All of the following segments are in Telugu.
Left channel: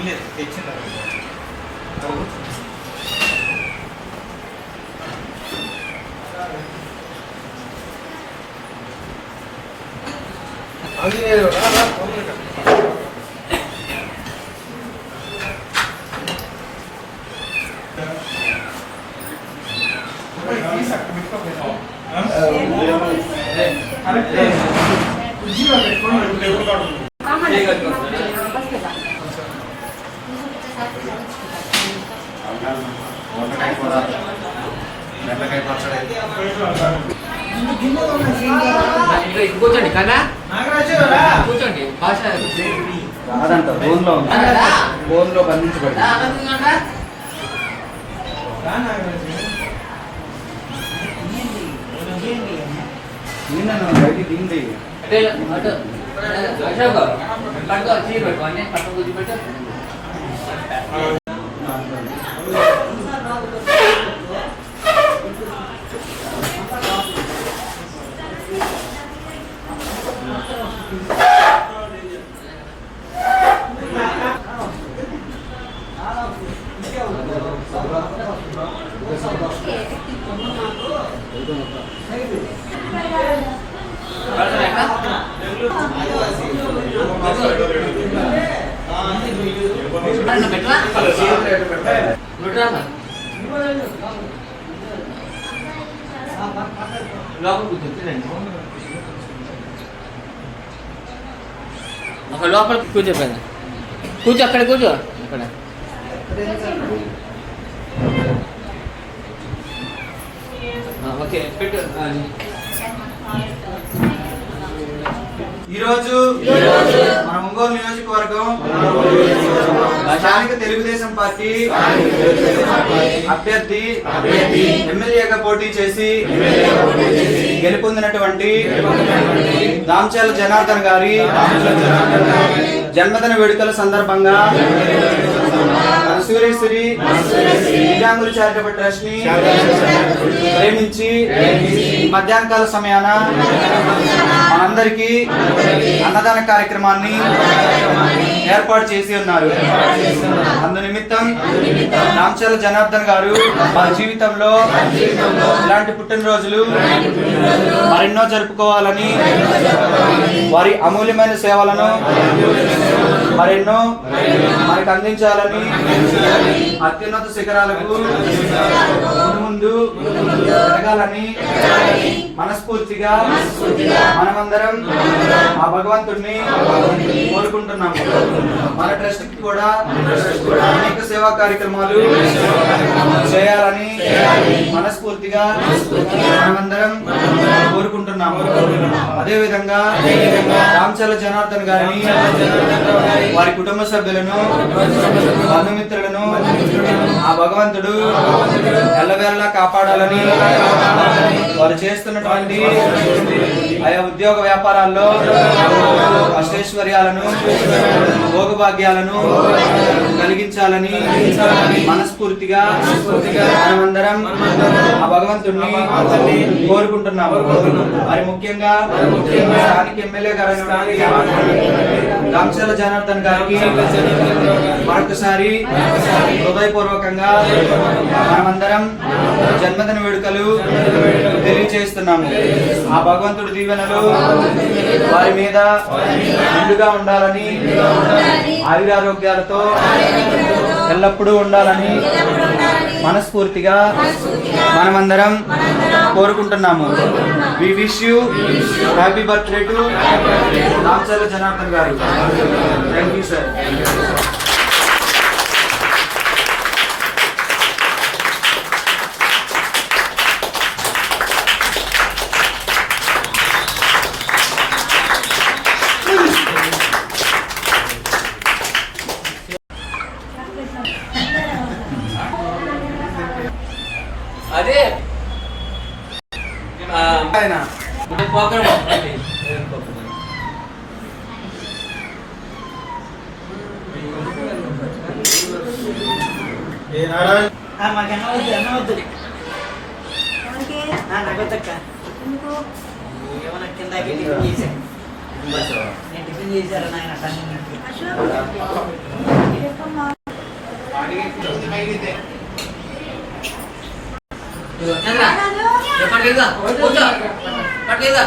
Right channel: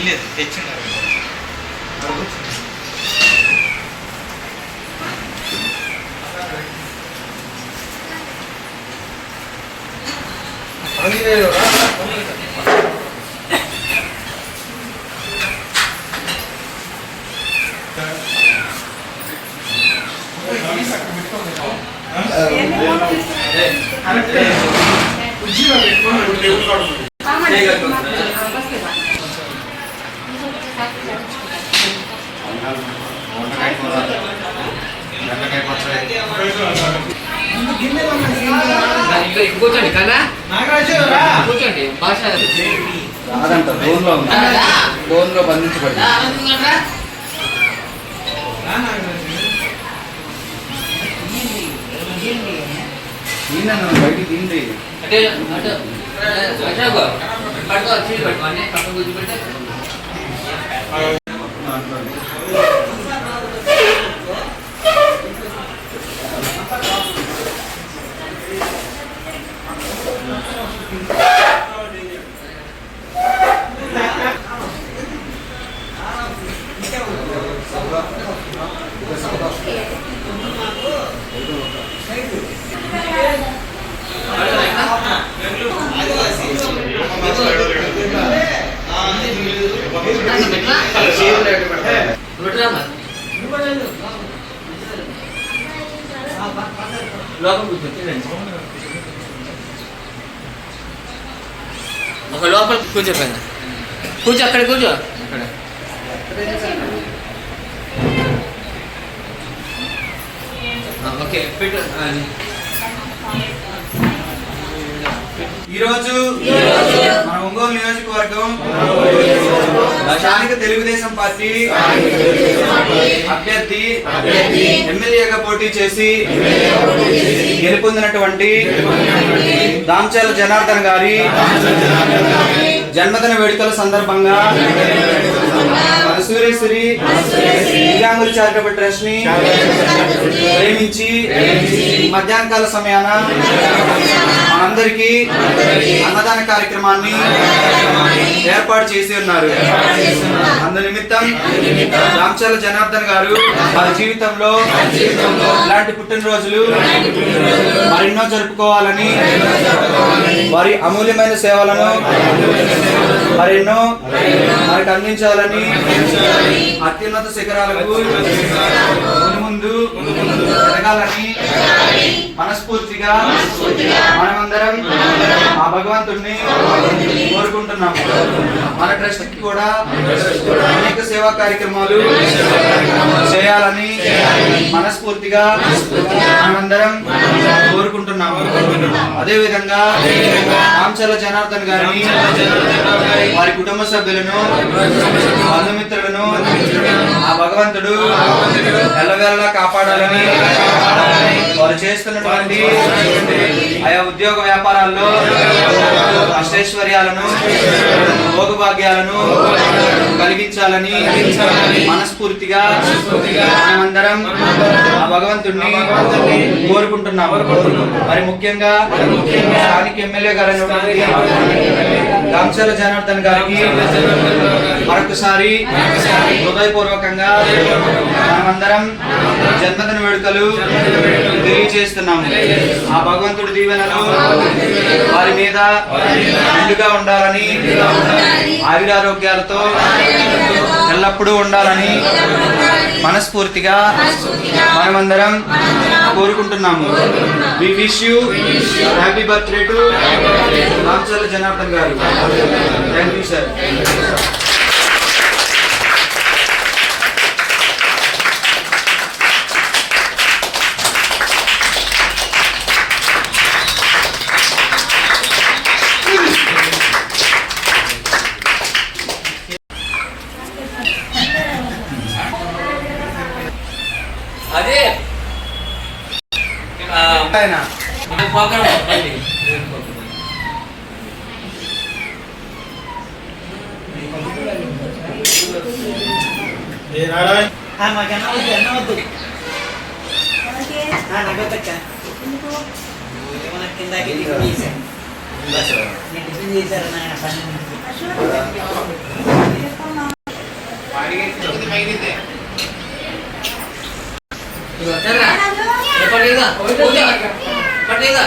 ఇల్లేదు తెచ్చినారు. కూర్చోండి కదా కూర్చోండి భాష కాదంట ఫోన్లో బంధించబడి బయటికి తీండి అంటే అటు అశోక్ పట్టుకో చీర పెట్టుకోండి పక్కన కూర్చోబెట్టే ఒక లోపల కూర్చో పైన కూర్చో అక్కడ కూర్చో అక్కడ ఓకే పెట్టు ఈరోజు మన ఒంగోలు నియోజకవర్గం స్థానిక తెలుగుదేశం పార్టీ అభ్యర్థి ఎమ్మెల్యేగా పోటీ చేసి గెలుపొందినటువంటి దామచర్ల జనార్దన్ గారి జన్మదిన వేడుకల సందర్భంగా సూర్యశ్రీ దివ్యాంగుల చారిటబుల్ ట్రస్ట్ ని ప్రేమించి మధ్యాహ్నకాల సమయాన మనందరికీ అన్నదాన కార్యక్రమాన్ని ఏర్పాటు చేసి ఉన్నారు. అందు నిమిత్తం దామచర్ల జనార్దన్ గారు వారి జీవితంలో ఇలాంటి పుట్టినరోజులు మరెన్నో జరుపుకోవాలని, వారి అమూల్యమైన సేవలను మరెన్నో మనకు అందించాలని, అత్యున్నత శిఖరాలకు ముందు ఎదగాలని మనస్ఫూర్తిగా మనమందరం ఆ భగవంతుడిని కోరుకుంటున్నాము. మన ట్రస్ట్ కి కూడా అనేక సేవా కార్యక్రమాలు చేయాలని మనస్ఫూర్తిగా మనమందరం కోరుకుంటున్నాము. అదేవిధంగా దామచర్ల జనార్దన్ గారిని, వారి కుటుంబ సభ్యులను, బంధుమిత్రులను ఆ భగవంతుడు ఎల్లవేళలా కాపాడాలని, వారు చేస్తున్నటువంటి ఆయా ఉద్యోగ వ్యాపారాల్లో అష్టైశ్వర్యాలను, భోగభాగ్యాలను కలిగించాలని మనస్ఫూర్తిగా మనమందరం ఆ భగవంతుడిని కోరుకుంటున్నాము. మరి ముఖ్యంగా స్థానిక ఎమ్మెల్యే గారు దామచర్ల జనార్దన్ గారికి మరొకసారి హృదయపూర్వకంగా మనమందరం జన్మదిన వేడుకలు తెలియజేస్తున్నాము. ఆ భగవంతుడి దీవెనలు వారి మీద నిండుగా ఉండాలని, ఆయురారోగ్యాలతో ఎల్లప్పుడూ ఉండాలని మనస్ఫూర్తిగా మనమందరం కోరుకుంటున్నాము. We wish you happy birthday to Damacharla Janardhan garu. Thank you sir. అదే నేను టిఫిన్ చేశారు నాయన పని పట్టేదా పట్టేదా పట్టేదా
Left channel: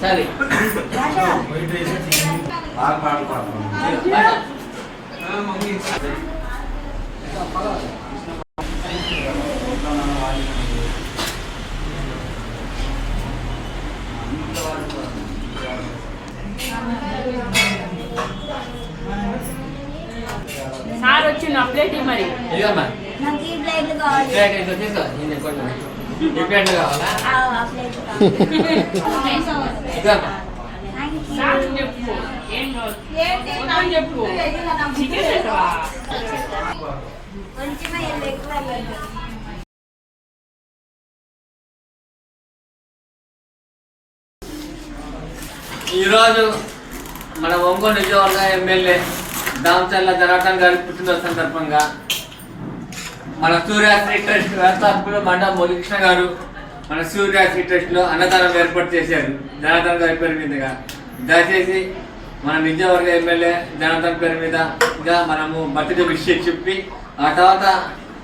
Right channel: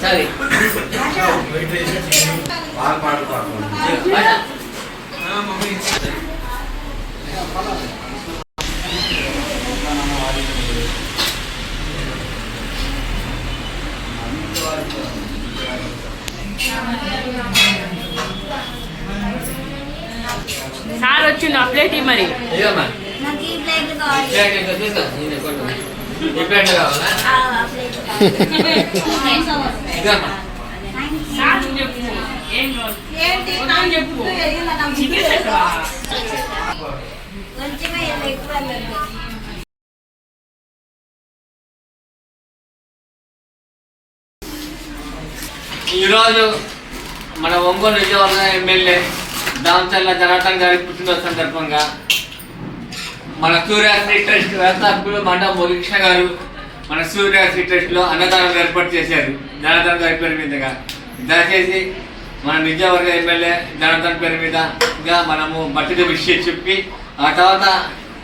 సరే సార్ వచ్చి నా ప్లేట్ మరి ఇదమ్మా నాకు ఈ ప్లేట్ కావాలి. ప్లేట్ ఏంటో తీసుకో నేను కొట్టు ఈ ప్లేట్ కావాలా ఆ ప్లేట్ ఇదమ్మా సార్ చెప్పు ఏం ఏంటి వద్దని చెప్పు చికెన్ పెట్టవా కొంచెమే ఎక్కువ వెళ్ళదు. ఈరోజు మన ఒంగోలు నియోజకవర్గ ఎమ్మెల్యే దామచల్ల జనార్దన్ గారి పుట్టినరోజు సందర్భంగా మన సూర్యాశ్రీ ట్రస్ట్ వ్యవస్థాపకులు మండలం మురళీకృష్ణ గారు మన సూర్యాశ్రీ ట్రస్ట్లో అన్నదానం ఏర్పాటు చేశారు జనార్దన్ గారి పేరు మీదుగా. దయచేసి మన నియోజకవర్గ ఎమ్మెల్యే జనార్దన్ పేరు మీదగా మనము బర్త్డే విష్ చెప్పి ఆ తర్వాత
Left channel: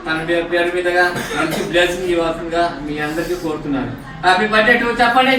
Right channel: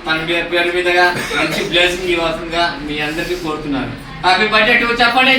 తన పేరు మీదుగా మంచి బ్లెస్సింగ్ ఇవ్వాల్సిందిగా మీ అందరికీ కోరుతున్నాను. హ్యాపీ బర్త్డే టు చెప్పండి.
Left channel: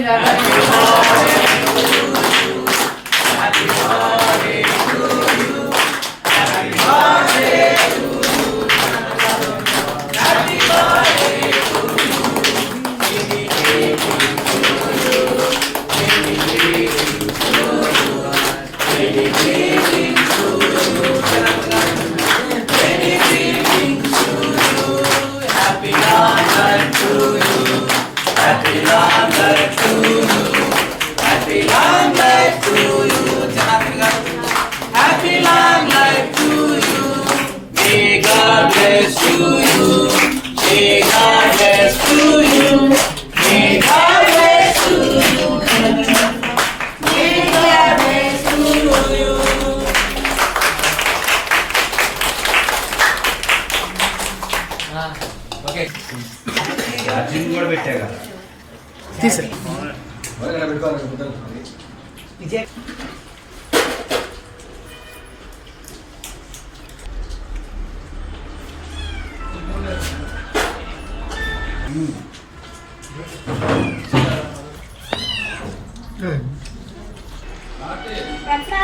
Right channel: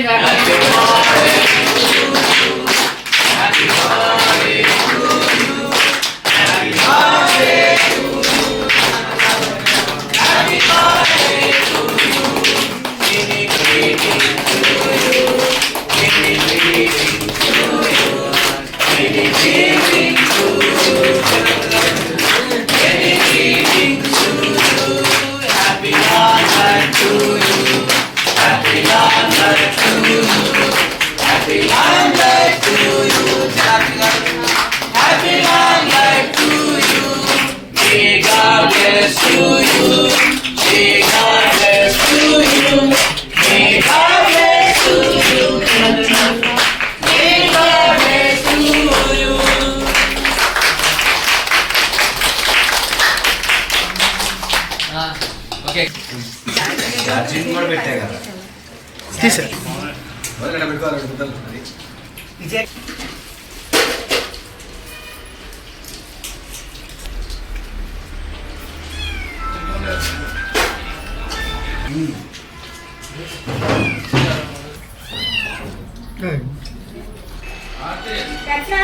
ఓకే ఛార్జింగ్ కూడా పెట్టా కదా ఎట్లా